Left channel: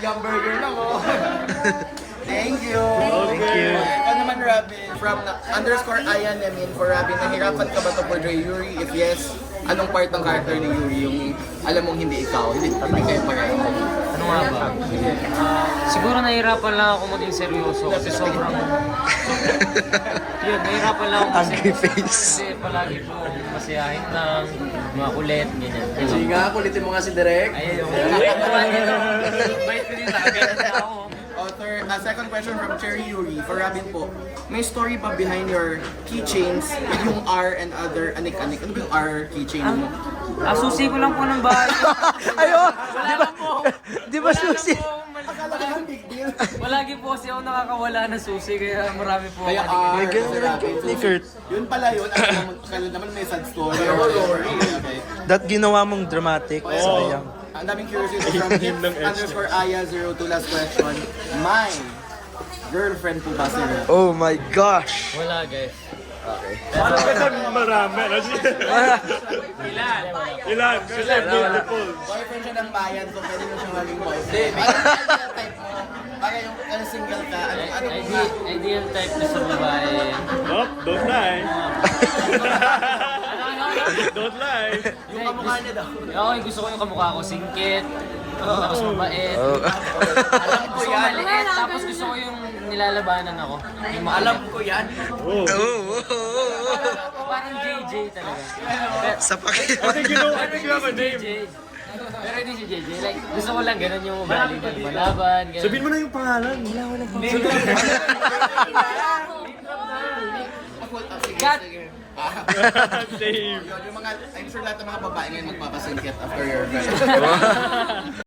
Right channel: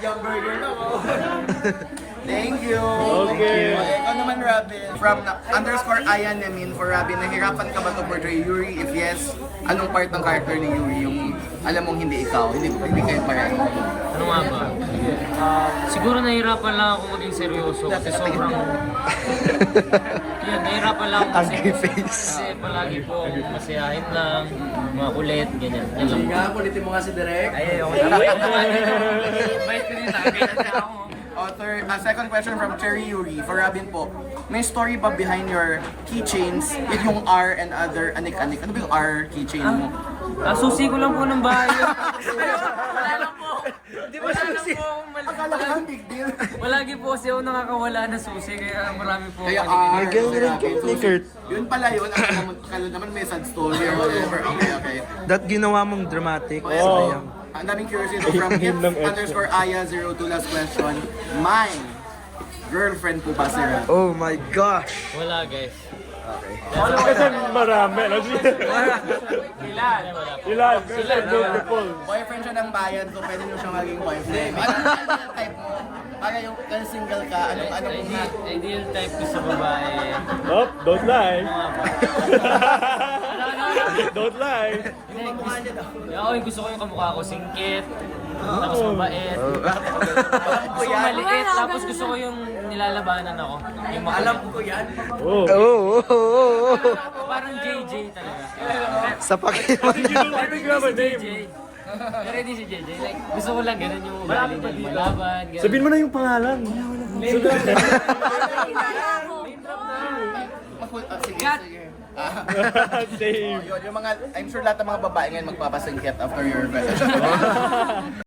Yung burger na ko. Thank you. Thank you. Okay, ikaw naman, Robin. From underscore Ayan Yamin for Robin, nahirapan ka ba to portray Yuri? If yes, anong part ng character ni Yuri yung alam mong hindi ikaw? Hindi kayo pareho. Ano nga ba? Siguro nahihirapan lang ako maging seryoso kasi sobrang... Yun, nahihirapan lang ako Angry face. Kasi palagi po masayahin lang, mga kulit, ganyan. Sige nga, kulitin mo nga si Direk. Ayun, ako bait ko dito. Bait ko din talaga ako. Author, second question from Cherry Yuri for Robin po. May story ba behind your keychains with yung R and other anik-anik? Ano ba yung R keychain mo? Susi ko lang po ng bahay. Ayun! Di ba susi? Akala ko lang big deal. Palagi po kasi ako nakakawala ng susi, kaya marami po. Kaya R, May ganun rin Robin. ni Kurt. Yun pala yun. Akala naman may sad story or whatever. Okay, okay. That ginawa mong dramatic. Sayang. Ang daming curiosity from him underscore Aya02 last question. My girlfriend po ba si Rob? Oh my gosh! Wala guys. Okay. Marami. Ilan? Wala. Boyfriend siya ng bayan, so pwede nyo siyang maging boyfriend. Ano yung ideal type mo? Para yung single ka, ano kung nga? Ideal type ko sa babae. Nope, don't lie. Don't lie. Ako yung gusto ko yung kamukha ko, singkit, tapos mabait. Oh. Gusto ko maliit, tapos gusto ko yung nilalabanan ako. Yung makulit. Oh. Oh. Parang JJ talaga. Sa pakiwan You know, I think you have a name. JJ. Pero hindi si JJ. Like, gusto ko lang ganun yung ugali niya. Malaban, ganun. Sabihin mo na yung pangalan. Sige, Cut. sige. Same. Yun, yung mga, I'm sure lahat ng mga babae ngayon magpapasingkit after your